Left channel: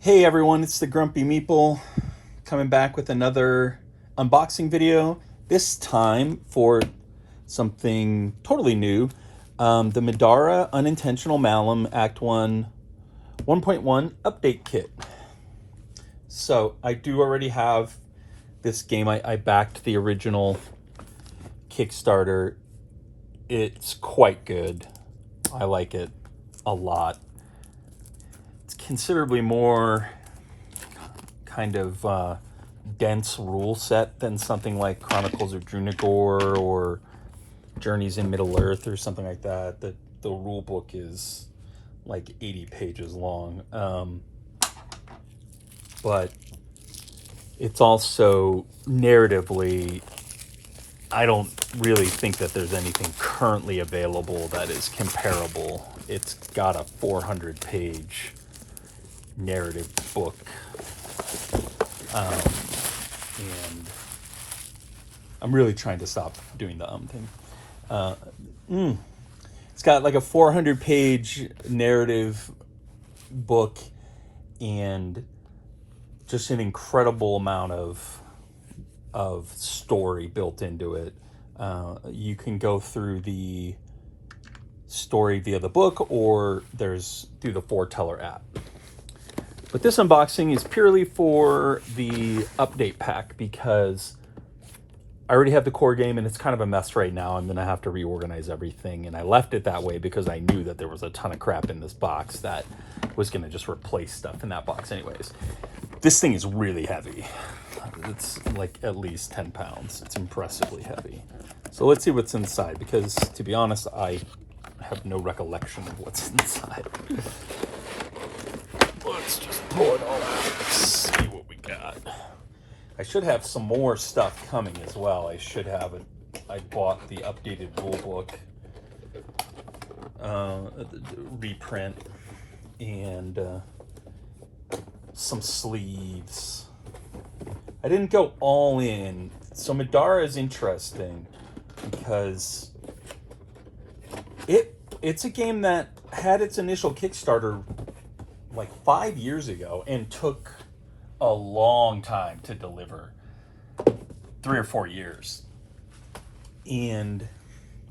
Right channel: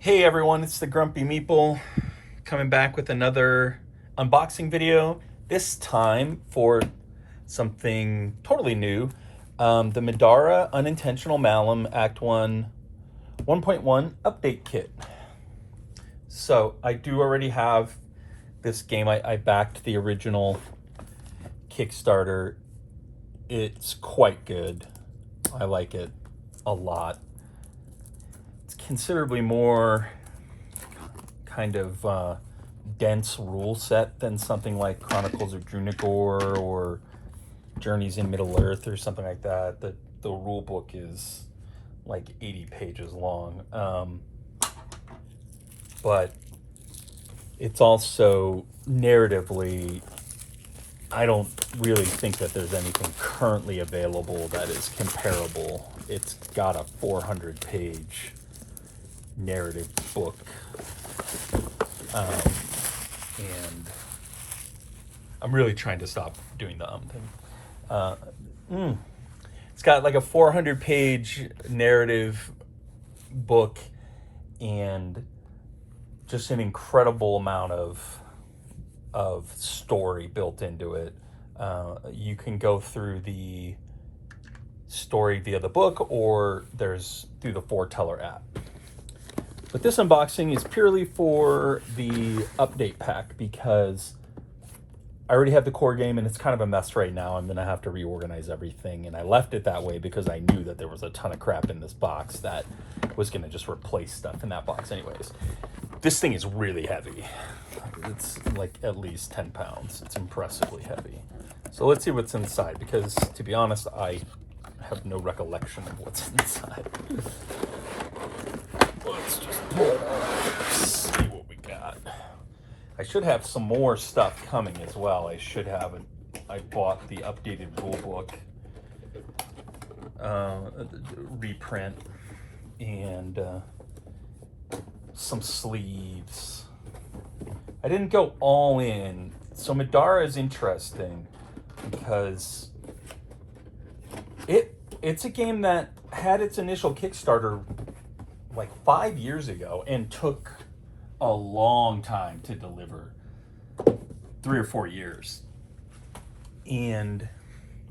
Hey everyone, it's the Grumpy Meeple coming back with another unboxing video. This time for something totally new. The Middara Unintentional Malum Act 1 1.1 Update Kit. So I do already have this game. I backed the original Kickstarter. It's quite good. I like it a lot. It's considerably more kind of dense rule set than something like Chronicles of Drunagor or Journeys in Middle Earth or something like that. The rule book is like 80 pages long. But it's also narratively, I don't really think that there's anything currently available that is comparable. It's got a 400-page narrative book. And I'm really trying to stop doing the thing. It's got like a 400-page narrative book and just an incredible amount of story built into it. You can go through the story via the book, or there's through the foreteller app. But this unboxing is purely for the update pack because I already have the core game and it's kind of a mess right now. I'm going to have to reorganize everything, and I left it that way because I knew that there was a ton of crap in this box that was going to just replace stuff in that box anyways. This thing is really heavy. It's like at least 10 pounds. It's impressively heavy. So let's see what's inside, because to be honest, I have no recollection of what's inside. Let's just pull it off. See what we got. I should have some more stuff coming as well. I bought the updated rule book reprint and some sleeves. I didn't go all in. So Middara is interesting because it's a game that had its initial Kickstarter like 5 years ago and took a long time to deliver, 3 or 4 years. And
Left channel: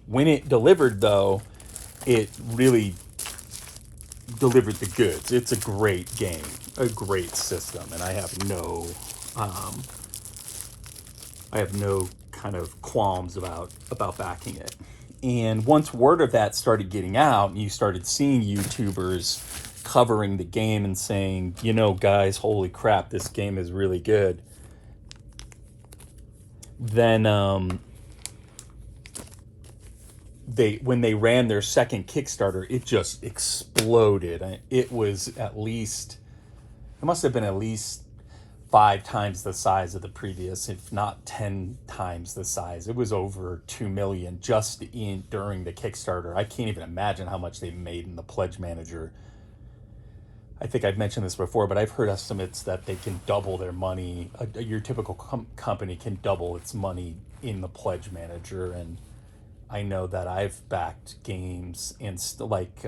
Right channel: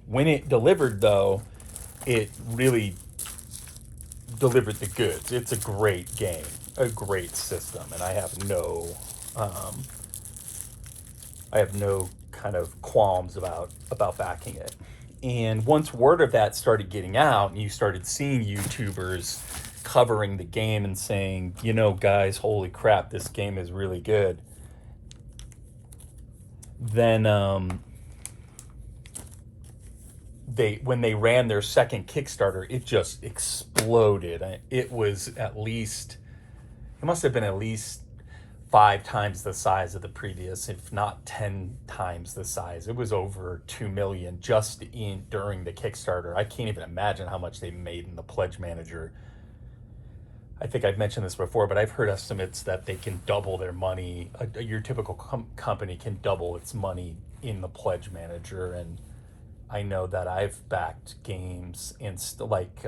when it delivered, though, it really delivered the goods. It's a great game, a great system, and I have no kind of qualms about backing it. And once word of that started getting out, and you started seeing YouTubers covering the game and saying, you know, guys, holy crap, this game is really good, then when they ran their second Kickstarter, it just exploded. It must have been at least 5 times the size of the previous, if not 10 times the size. It was over 2 million just during the Kickstarter. I can't even imagine how much they made in the Pledge Manager. I think I've mentioned this before, but I've heard estimates that they can double their money. Your typical company can double its money in the Pledge Manager, and I know that I've backed games and like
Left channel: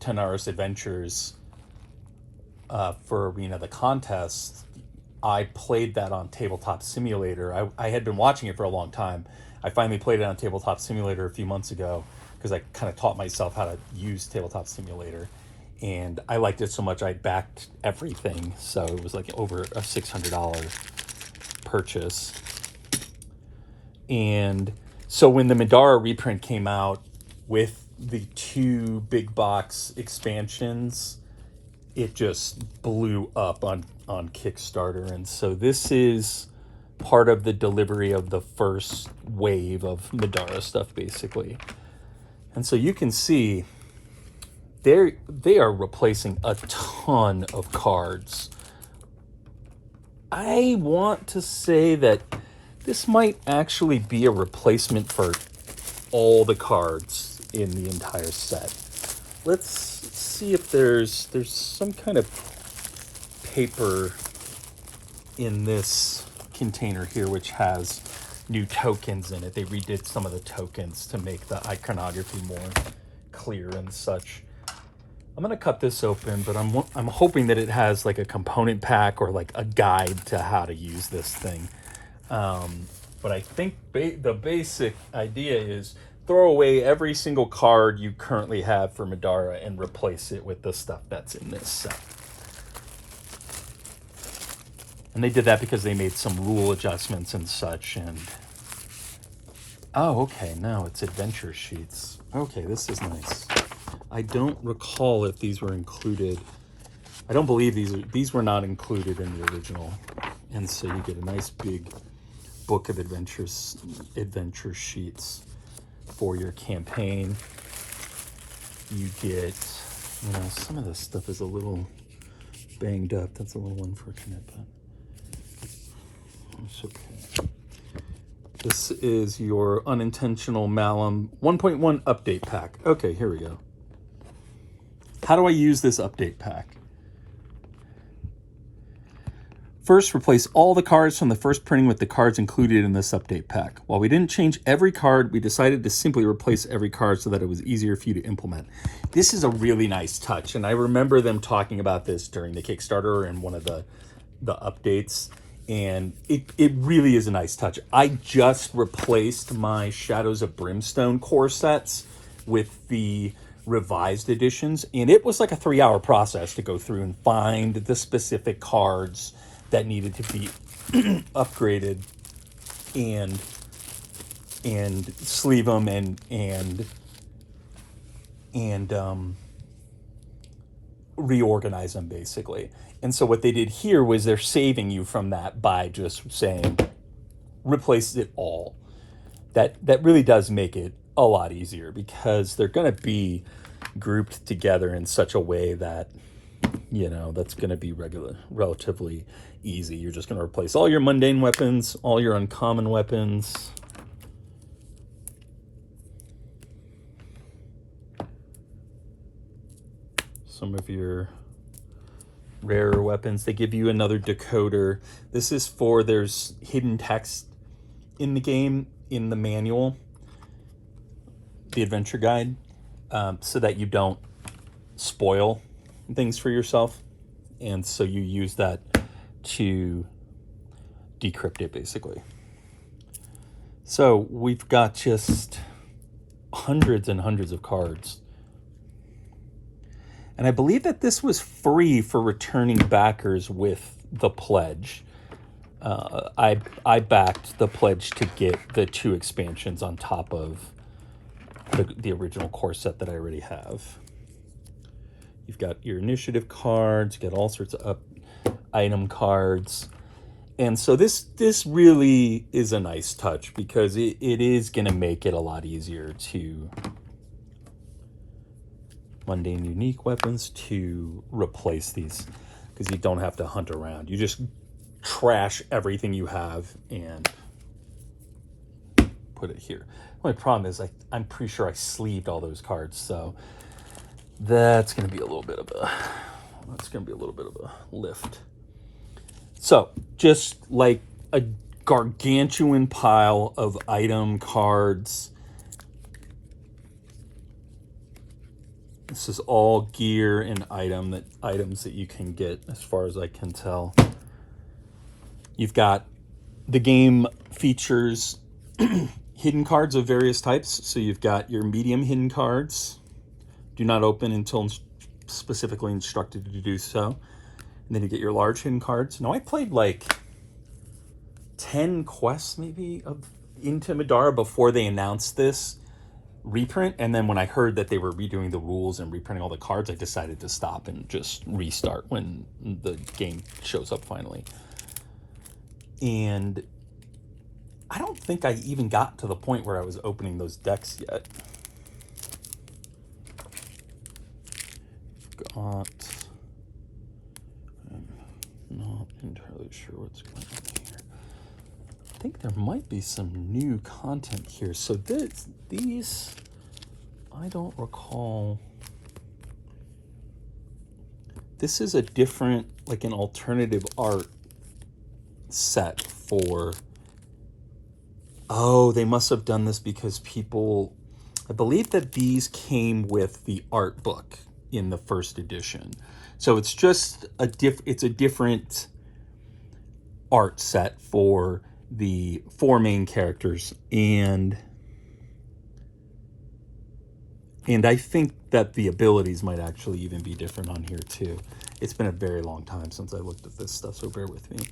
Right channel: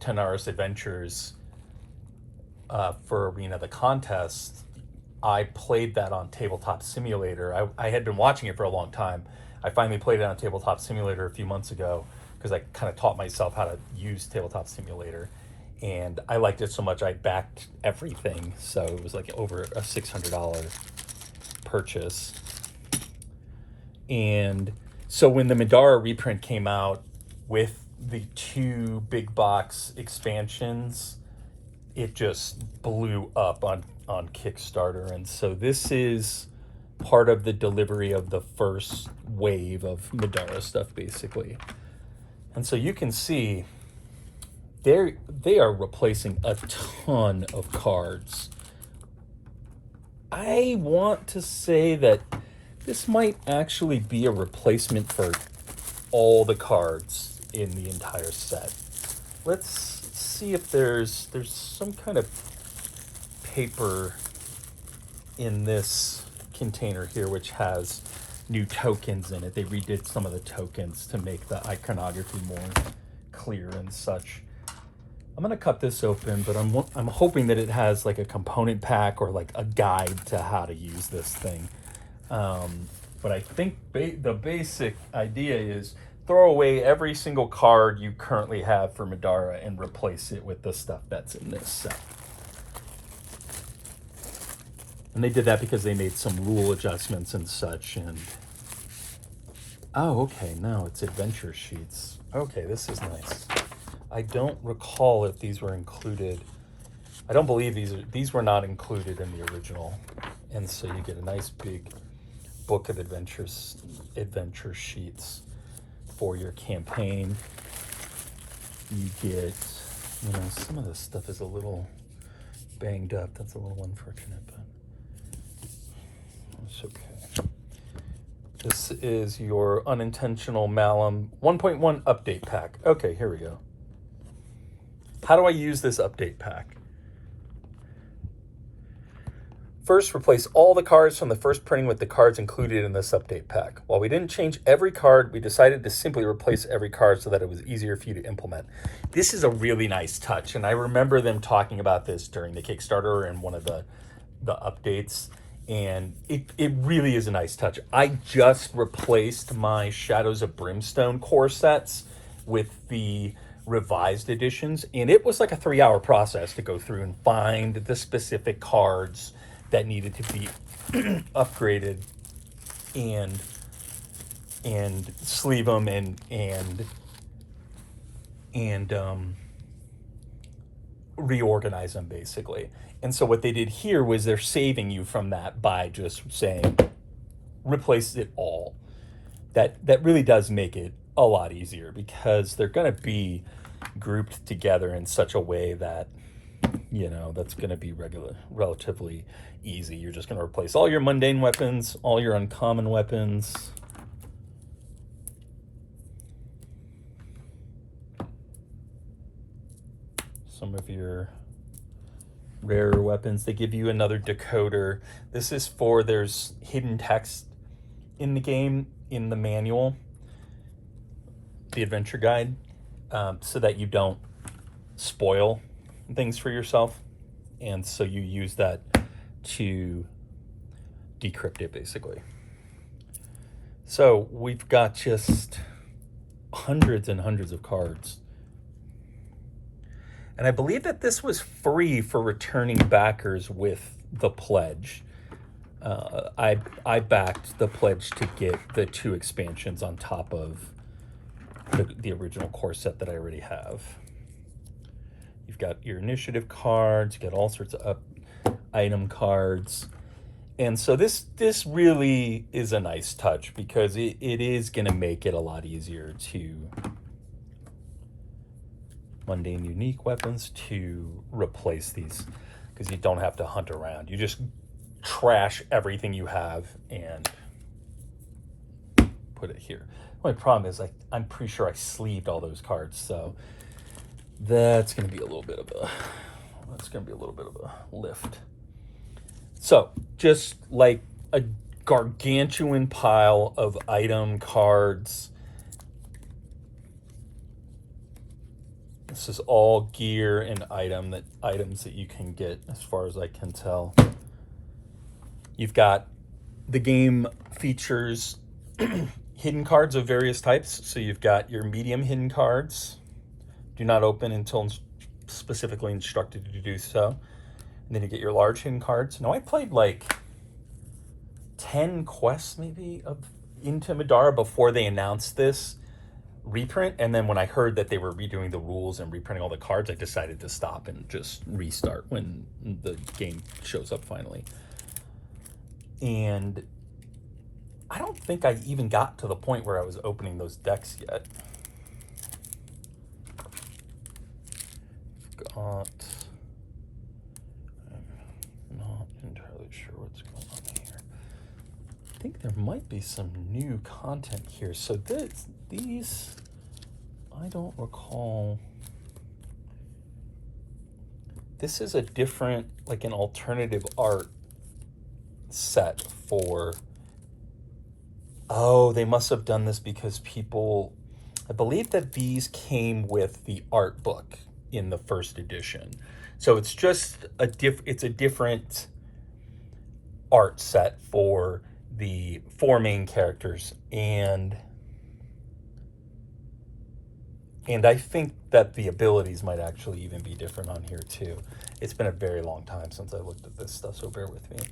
Tanaris Adventures for Arena the Contest. I played that on Tabletop Simulator. I had been watching it for a long time. I finally played it on Tabletop Simulator a few months ago because I kind of taught myself how to use Tabletop Simulator. And I liked it so much I backed everything. So it was like over a $600 purchase. And so when the Middara reprint came out with the 2 big box expansions, it just blew up on Kickstarter. And so this is part of the delivery of the first wave of Middara stuff, basically. And so you can see they are replacing a ton of cards. I want to say that this might actually be a replacement for all the cards in the entire set. Let's see if there's some kind of paper in this container here which has new tokens in it. They redid some of the tokens to make the iconography more clear and such. I'm gonna cut this open, but I'm hoping that it has like a component pack or like a guide to how to use this thing. But I think the basic idea is throw away every single card you currently have for Middara and replace it with the stuff that's in this set. And they did that because they made some rule adjustments and such. And oh, okay, now it's adventure sheets. Okay, this is nice. I don't recall if these were included. I don't believe these were not included in the original. And so you get a nice big book of adventure sheets for your campaign. You get, you know, some of this stuff is a little banged up. That's a little unfortunate, but it's okay. This is your Unintentional Malum 1.1 update pack. Okay, here we go. How do I use this update pack? First, replace all the cards from the first printing with the cards included in this update pack. While we didn't change every card, we decided to simply replace every card so that it was easier for you to implement. This is a really nice touch, and I remember them talking about this during the Kickstarter and one of the updates, and it really is a nice touch. I just replaced my Shadows of Brimstone core sets with the revised editions, and it was like a 3-hour process to go through and find the specific cards that needed to be upgraded and sleeve them and reorganize them basically. And so what they did here was they're saving you from that by just saying replace it all. That really does make it a lot easier because they're going to be grouped together in such a way that, you know, that's going to be relatively easy. You're just going to replace all your mundane weapons, all your uncommon weapons. Some of your rarer weapons. They give you another decoder. This is for, there's hidden text in the game, in the manual, the adventure guide, so that you don't spoil things for yourself. And so you use that to decrypt it basically. So we've got just hundreds and hundreds of cards. And I believe that this was free for returning backers with the pledge. I backed the pledge to get the 2 expansions on top of the original core set that I already have. You've got your initiative cards, you get all sorts of item cards. And so this really is a nice touch because it is going to make it a lot easier to mundane unique weapons to replace these, because you don't have to hunt around. You just trash everything you have and put it here. My problem is I'm pretty sure I sleeved all those cards, so that's going to be a little bit of a lift. So just like a gargantuan pile of item cards. This is all gear and items that you can get, as far as I can tell. You've got the game features hidden cards of various types. So you've got your medium hidden cards. Do not open until specifically instructed to do so. And then you get your large hidden cards. Now I played like 10 quests maybe into Middara before they announced this reprint, and then when I heard that they were redoing the rules and reprinting all the cards, I decided to stop and just restart when the game shows up finally. And I don't think I even got to the point where I was opening those decks yet. I'm not entirely sure what's going on here. I think there might be some new content here. So these, I don't recall. This is a different, like an alternative art set for, oh, they must have done this because people, I believe that these came with the art book in the first edition. So it's just it's a different art set for the 4 main characters, and I think that the abilities might actually even be different on here too. It's been a very long time since I looked at this stuff, so bear with me.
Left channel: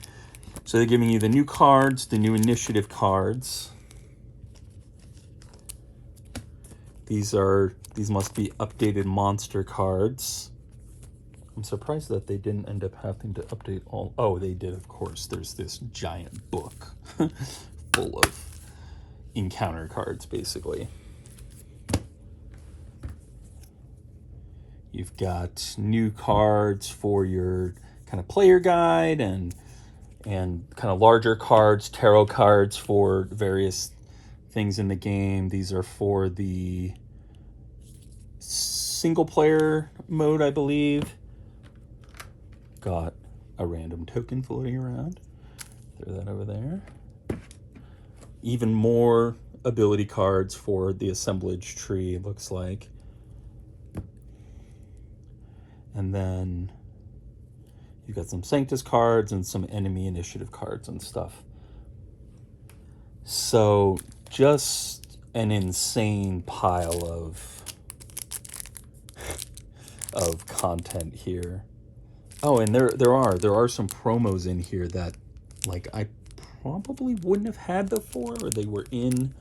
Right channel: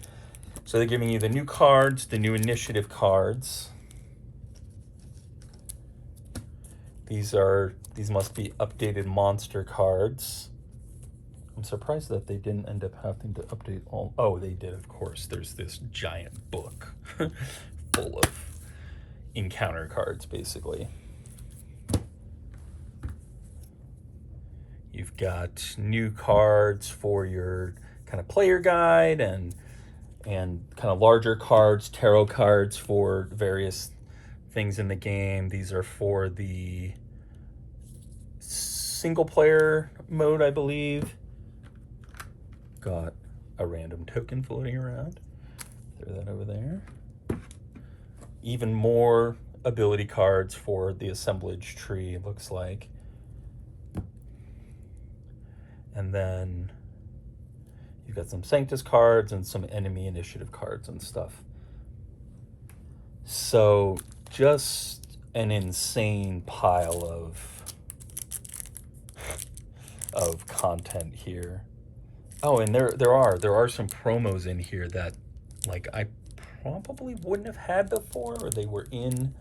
So they're giving you the new cards, the new initiative cards. These must be updated monster cards. I'm surprised that they didn't end up having to update all. Oh, they did, of course. There's this giant book full of encounter cards, basically. You've got new cards for your kind of player guide, and kind of larger cards, tarot cards for various things in the game. These are for the single player mode, I believe. Got a random token floating around. Throw that over there. Even more ability cards for the assemblage tree, it looks like. And then you've got some Sanctus cards and some enemy initiative cards and stuff. So just an insane pile of content here. Oh, and there are some promos in here that, like, I probably wouldn't have had before, or they were in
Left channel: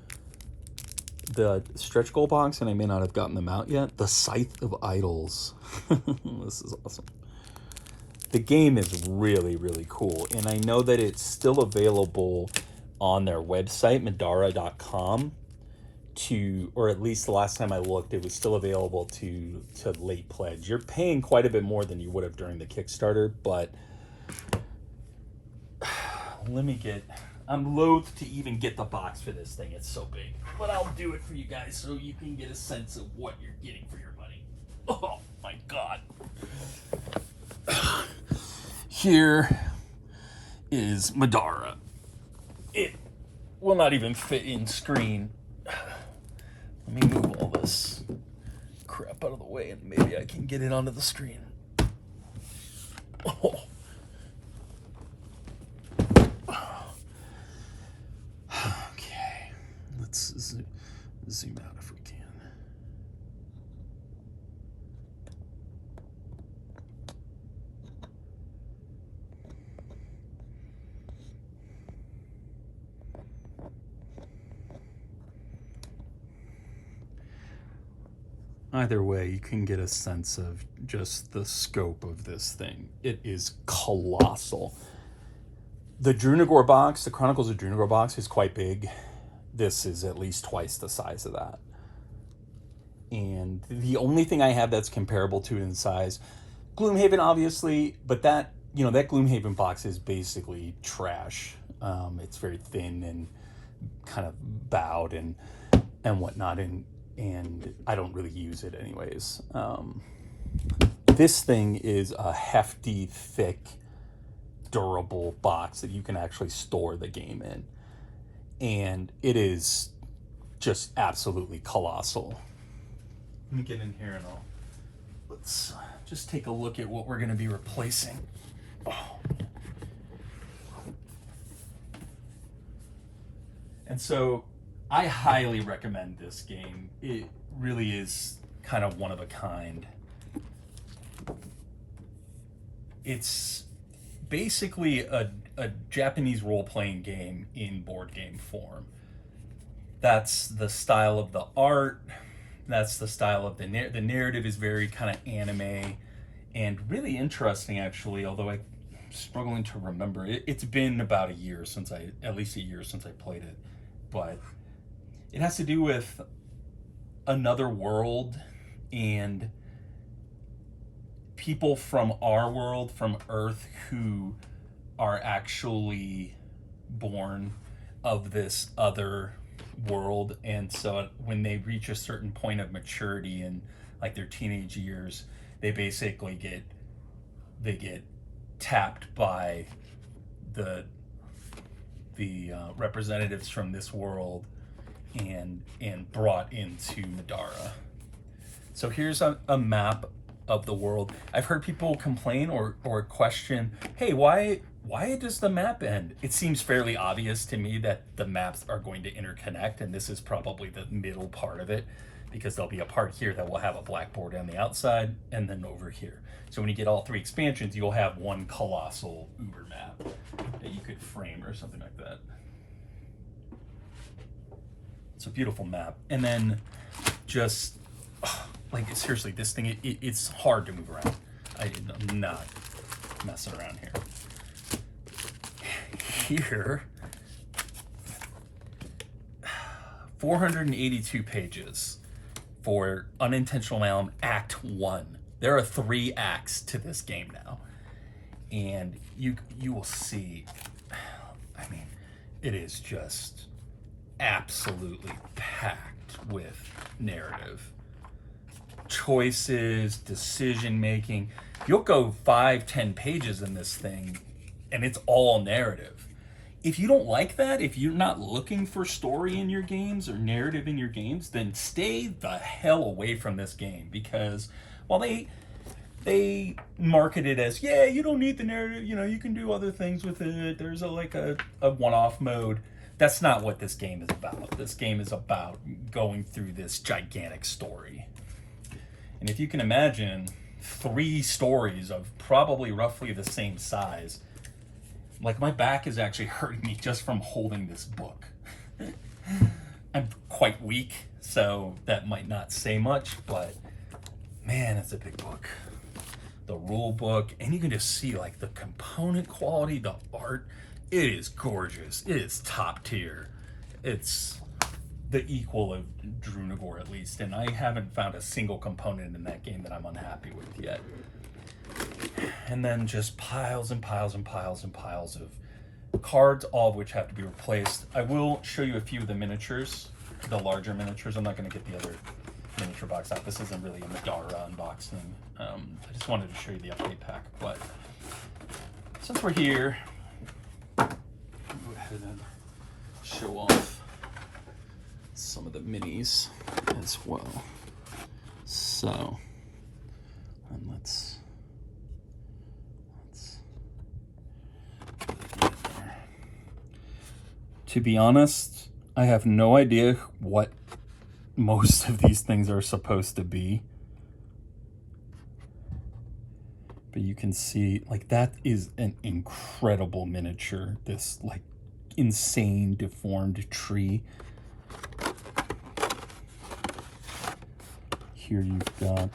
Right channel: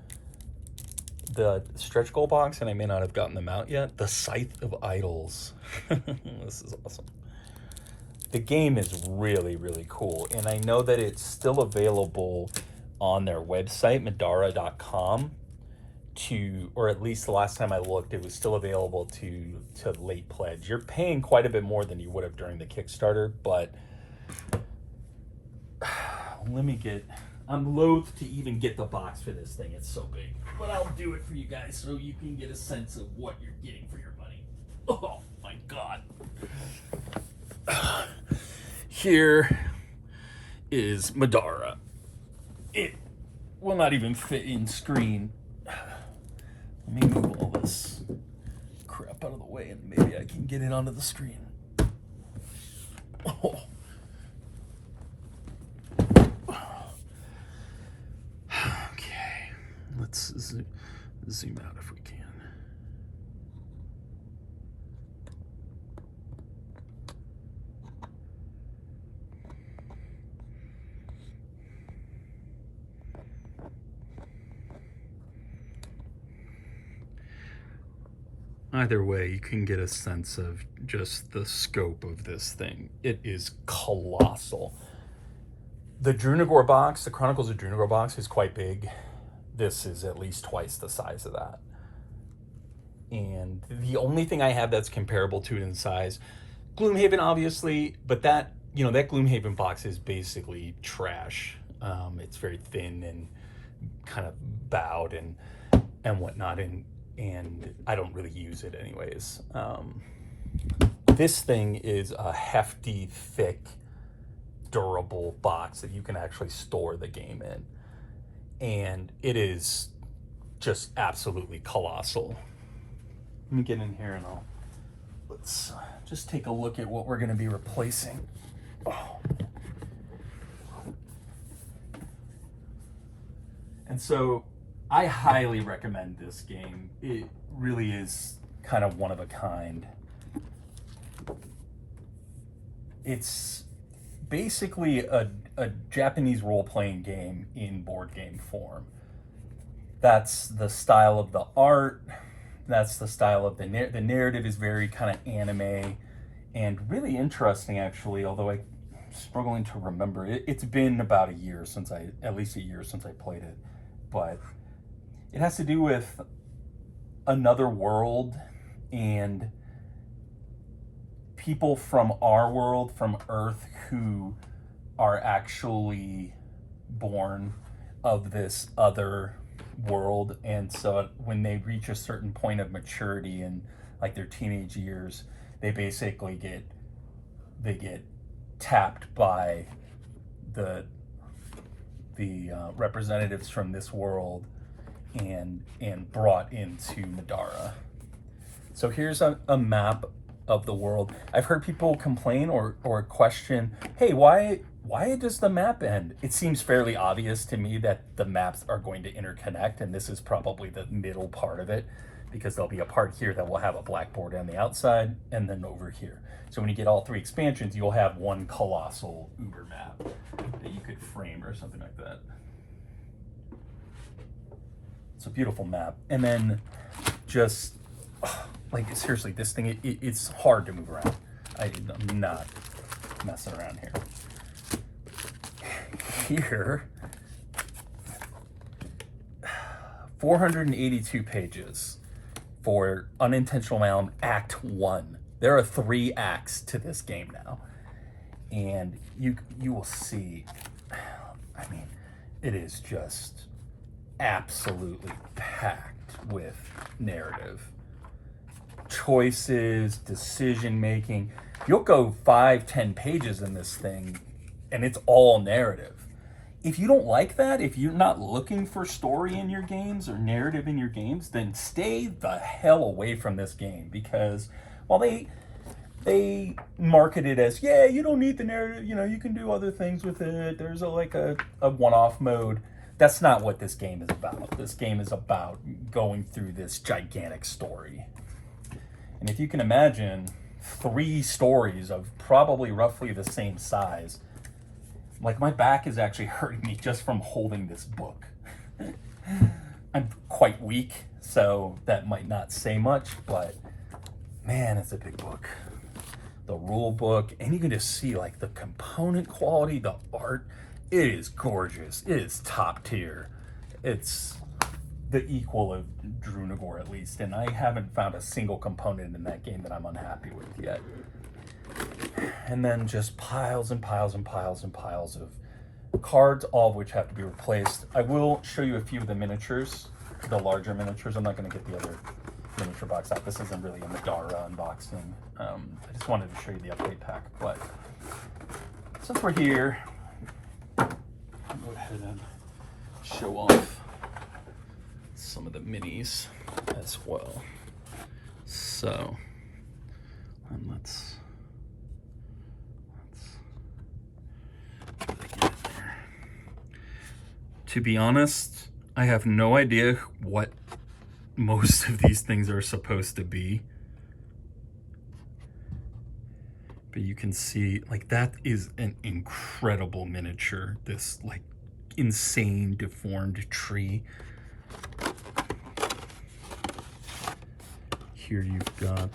the stretch goal box and I may not have gotten them out yet. The Scythe of Idols. This is awesome. The game is really, really cool, and I know that it's still available on their website, Middara.com, or at least the last time I looked, it was still available to late pledge. You're paying quite a bit more than you would have during the Kickstarter, but I'm loath to even get the box for this thing. It's so big, but I'll do it for you guys so you can get a sense of what you're getting for your money. Oh my God. Here is Middara. It will not even fit in screen. Let me move all this crap out of the way and maybe I can get it onto the screen. Oh. Okay, let's zoom out if we can. Either way, you can get a sense of just the scope of this thing. It is colossal. The Drunagor box, the Chronicles of Drunagor box, is quite big. This is at least twice the size of that. And the only thing I have that's comparable to it in size, Gloomhaven, obviously, but that Gloomhaven box is basically trash. It's very thin and kind of bowed and whatnot, and I don't really use it anyways. This thing is a hefty, thick, durable box that you can actually store the game in, and it is just absolutely colossal. Let me get in here and let's just take a look at what we're going to be replacing. Oh. And so I highly recommend this game. It really is kind of one of a kind. It's basically a Japanese role-playing game in board game form. That's the style of the art. That's the style of the narrative is very kind of anime and really interesting, actually, although I'm struggling to remember. It's been about at least a year since I played it. But it has to do with another world and people from our world, from Earth, who are actually born of this other world. And so when they reach a certain point of maturity in like their teenage years, they basically get tapped by the representatives from this world and brought into Middara. So here's a map of the world. I've heard people complain or question, hey, why does the map end? It seems fairly obvious to me that the maps are going to interconnect, and this is probably the middle part of it, because there'll be a part here that will have a blackboard on the outside, and then over here. So when you get all 3 expansions, you'll have one colossal uber map that you could frame or something like that. It's a beautiful map. And then just, like, seriously, this thing, it's hard to move around. I'm not messing around here. Here, 482 pages for Unintentional Realm Act 1. There are 3 acts to this game now. And you will see, I mean, it is just absolutely packed with narrative. Choices, decision making. You'll go 5-10 pages in this thing, and it's all narrative. If you don't like that, if you're not looking for story in your games or narrative in your games, then stay the hell away from this game, because while they market it as, yeah, you don't need the narrative, you know, you can do other things with it, there's a one-off mode. That's not what this game is about. This game is about going through this gigantic story. And if you can imagine 3 stories of probably roughly the same size, like, my back is actually hurting me just from holding this book. I'm quite weak, so that might not say much, but man, it's a big book. The rule book, and you can just see, like, the component quality, the art. It is gorgeous. It is top tier. It's the equal of Drunagor, at least, and I haven't found a single component in that game that I'm unhappy with yet. And then just piles and piles and piles and piles of cards, all of which have to be replaced. I will show you a few of the miniatures, the larger miniatures. I'm not going to get the other miniature box out. This isn't really a Middara unboxing. I just wanted to show you the update pack. But since we're here, I'll go ahead and show off some of the minis as well. So, and let's to be honest, I have no idea what most of these things are supposed to be. But you can see, like, that is an incredible miniature. This, like, insane deformed tree. Here you've got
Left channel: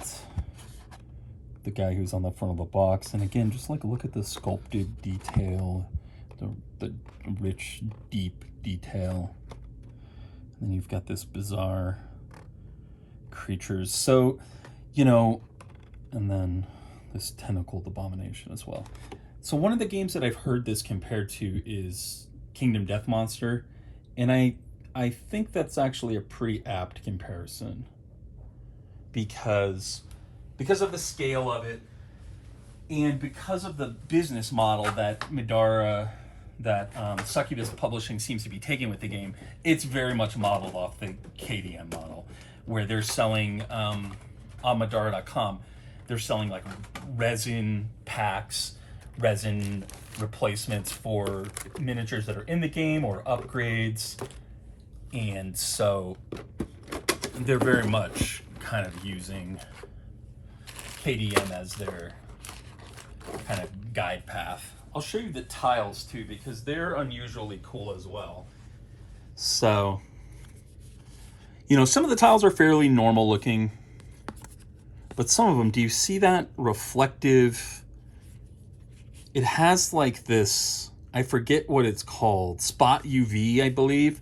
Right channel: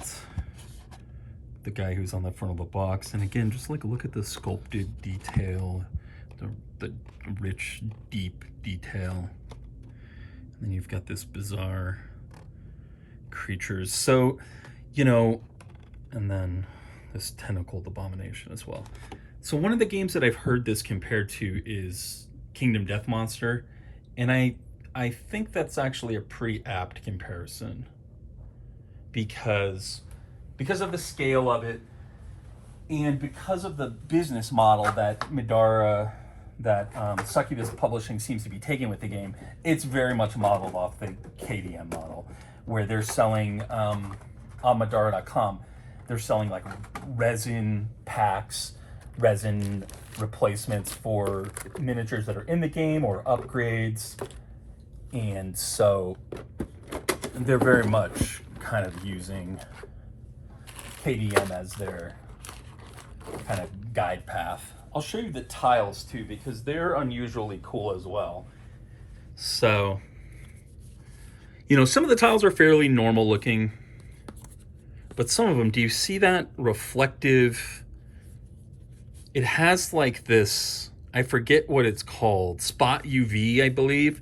the guy who's on the front of the box. And again, just like look at the sculpted detail, the rich, deep detail. And then you've got this bizarre creatures. So, you know, and then this tentacled abomination as well. So one of the games that I've heard this compared to is Kingdom Death Monster. And I think that's actually a pretty apt comparison. Because of the scale of it, and because of the business model that Middara, that Succubus Publishing seems to be taking with the game, it's very much modeled off the KDM model, where they're selling, on Middara.com, they're selling like resin packs, resin replacements for miniatures that are in the game or upgrades. And so they're very much kind of using KDM as their kind of guide path. I'll show you the tiles too, because they're unusually cool as well. So, you know, some of the tiles are fairly normal looking, but some of them, do you see that reflective? It has like this, I forget what it's called, spot UV, I believe,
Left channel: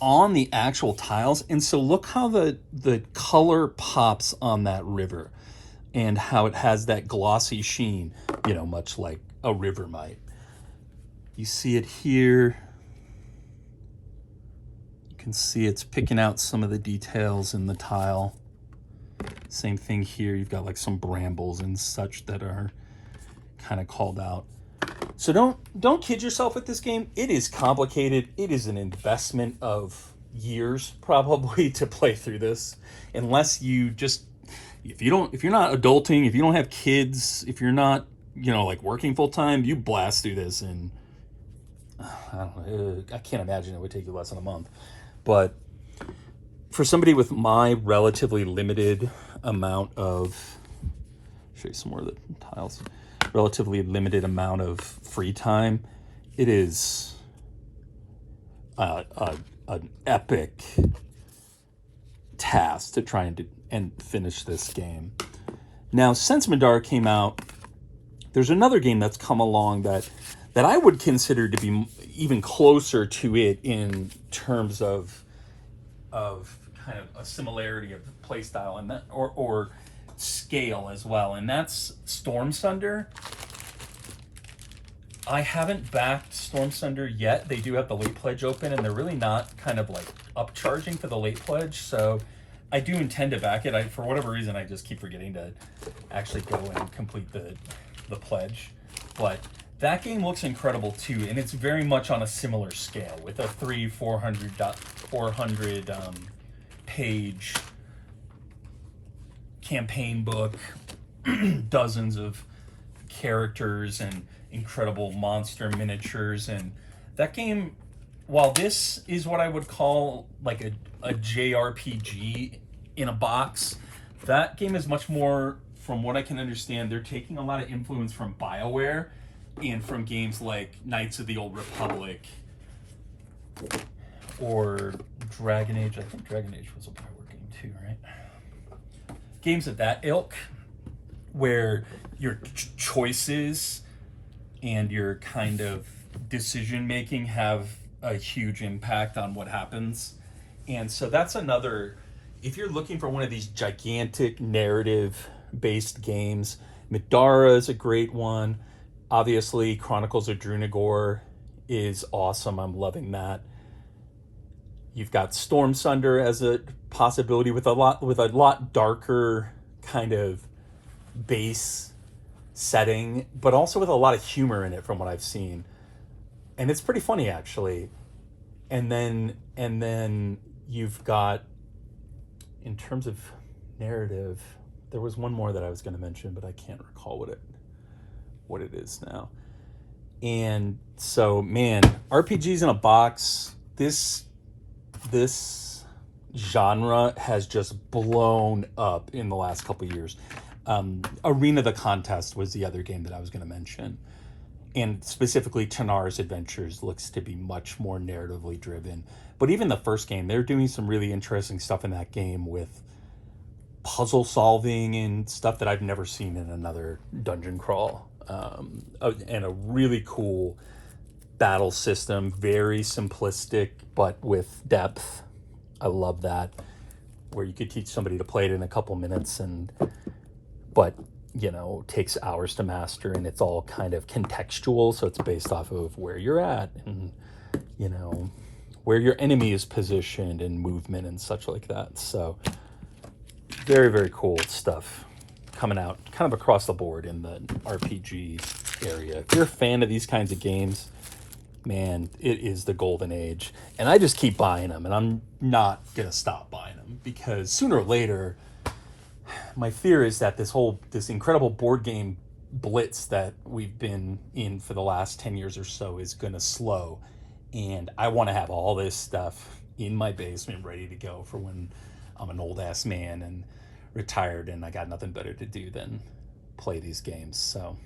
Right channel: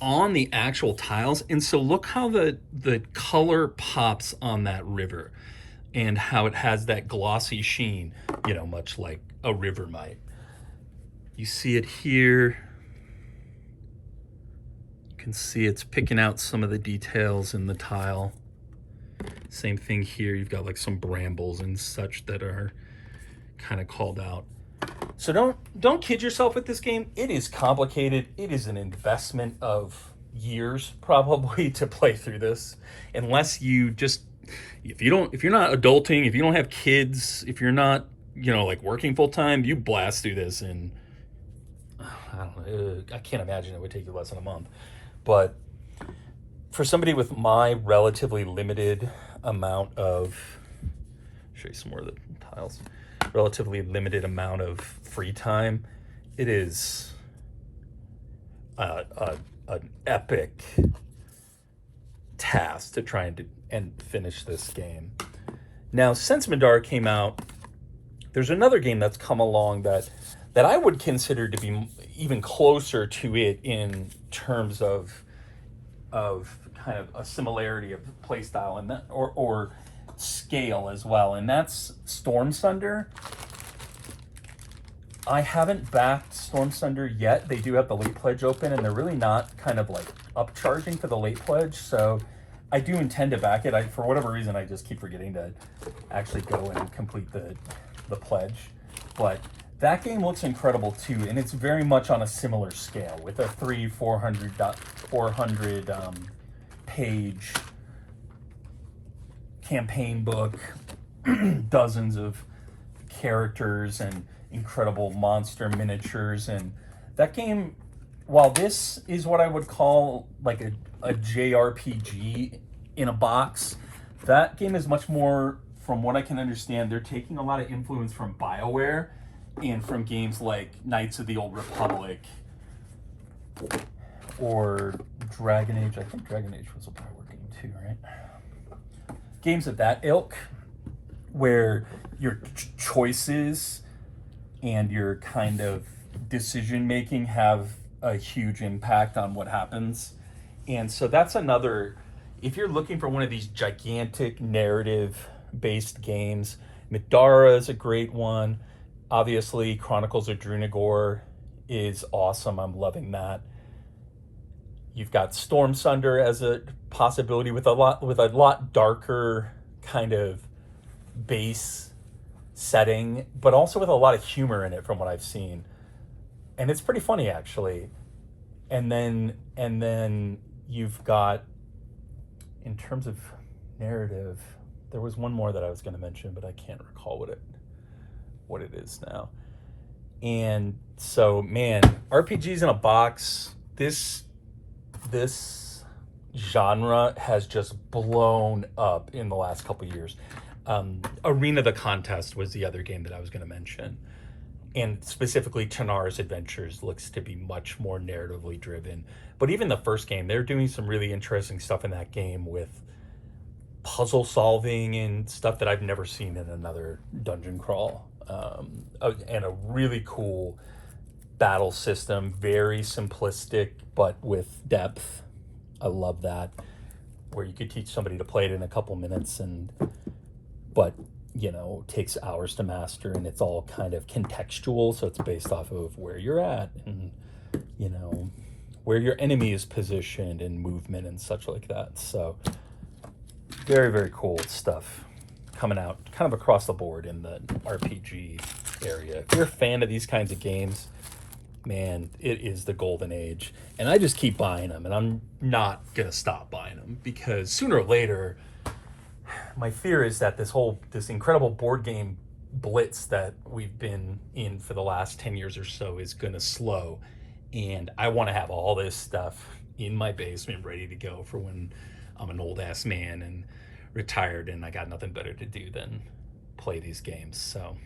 on the actual tiles. And so look how the color pops on that river and how it has that glossy sheen, you know, much like a river might. You see it here. You can see it's picking out some of the details in the tile. Same thing here. You've got like some brambles and such that are kind of called out. So don't kid yourself with this game. It is complicated. It is an investment of years probably to play through this, unless you just if you're not adulting, if you don't have kids, if you're not, like working full time, you blast through this, and I don't know, I can't imagine it would take you less than a month. But for somebody with my relatively limited amount of, show you some more of the tiles, relatively limited amount of free time, it is an epic task to try and finish this game. Now, since Middara came out, there's another game that's come along that I would consider to be even closer to it in terms of kind of a similarity of playstyle and that, or scale as well, and that's Storm Thunder. I haven't backed Storm Thunder yet. They do have the late pledge open, and they're really not kind of like upcharging for the late pledge, so I do intend to back it. For whatever reason, I just keep forgetting to actually go and complete the pledge. But that game looks incredible too, and it's very much on a similar scale with a 400 page campaign book, dozens of characters and incredible monster miniatures. And that game, while this is what I would call like a JRPG in a box, that game is much more, from what I can understand, they're taking a lot of influence from BioWare and from games like Knights of the Old Republic or Dragon Age. I think Dragon Age was a BioWare game too, right? Games of that ilk, where your choices and your kind of decision making have a huge impact on what happens. And so that's another, if you're looking for one of these gigantic narrative based games, Middara is a great one. Obviously, Chronicles of Drunagor is awesome. I'm loving that. You've got Storm Thunder as a possibility with a lot darker kind of base setting, but also with a lot of humor in it from what I've seen. And it's pretty funny actually. And then you've got, in terms of narrative, there was one more that I was going to mention, but I can't recall what it is now. And so, man, RPGs in a box, this genre has just blown up in the last couple of years. Arena the Contest was the other game that I was going to mention. And specifically, Tanar's Adventures looks to be much more narratively driven. But even the first game, they're doing some really interesting stuff in that game with puzzle solving and stuff that I've never seen in another dungeon crawl. And a really cool battle system, very simplistic, but with depth. I love that. Where you could teach somebody to play it in a couple minutes, but takes hours to master, and it's all kind of contextual, so it's based off of where you're at and where your enemy is positioned and movement and such like that. So very, very cool stuff coming out kind of across the board in the RPG area. If you're a fan of these kinds of games, man, it is the golden age. And I just keep buying them, and I'm not gonna stop buying them, because sooner or later, my fear is that this incredible board game blitz that we've been in for the last 10 years or so is gonna slow. And I want to have all this stuff in my basement ready to go for when I'm an old ass man and retired and I got nothing better to do than play these games. So,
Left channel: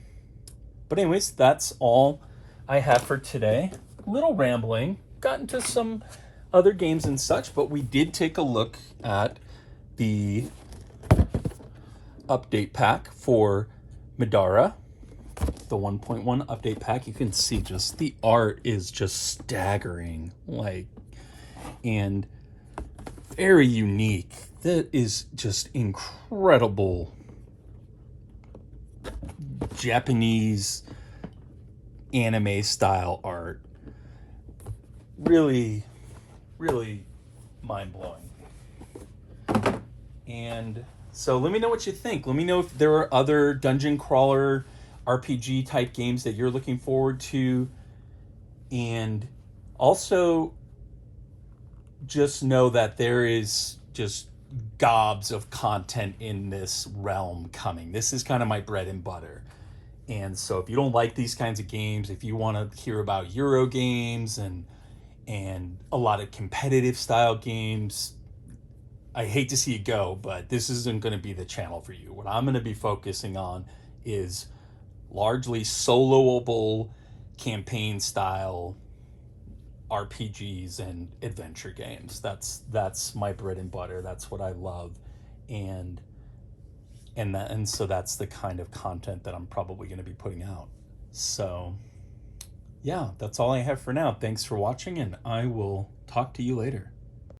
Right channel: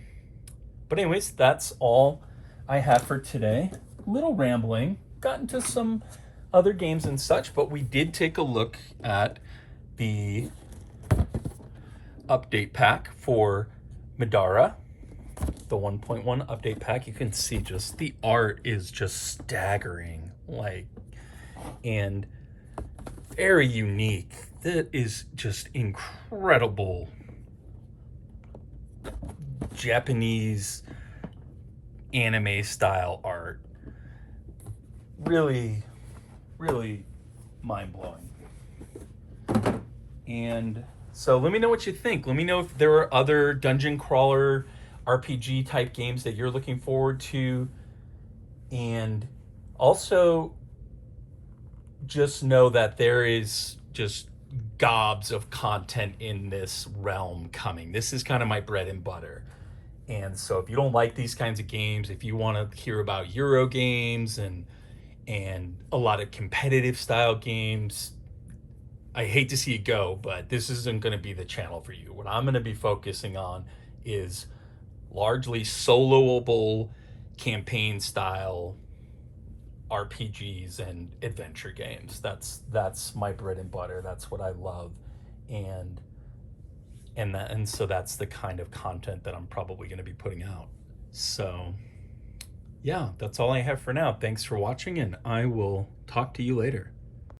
but anyways, that's all I have for today. Little rambling, got into some other games and such, but we did take a look at the update pack for Middara, the 1.1 update pack. You can see just the art is just staggering, and very unique. That is just incredible Japanese anime style art. Really, really mind-blowing. And so let me know what you think. Let me know if there are other dungeon crawler RPG type games that you're looking forward to. And also just know that there is just gobs of content in this realm coming. This is kind of my bread and butter. And so if you don't like these kinds of games, if you want to hear about Euro games and a lot of competitive style games, I hate to see you go, but this isn't going to be the channel for you. What I'm going to be focusing on is largely soloable campaign style RPGs and adventure games. That's my bread and butter. That's what I love, and so that's the kind of content that I'm probably going to be putting out. So yeah, that's all I have for now. Thanks for watching, and I will talk to you later.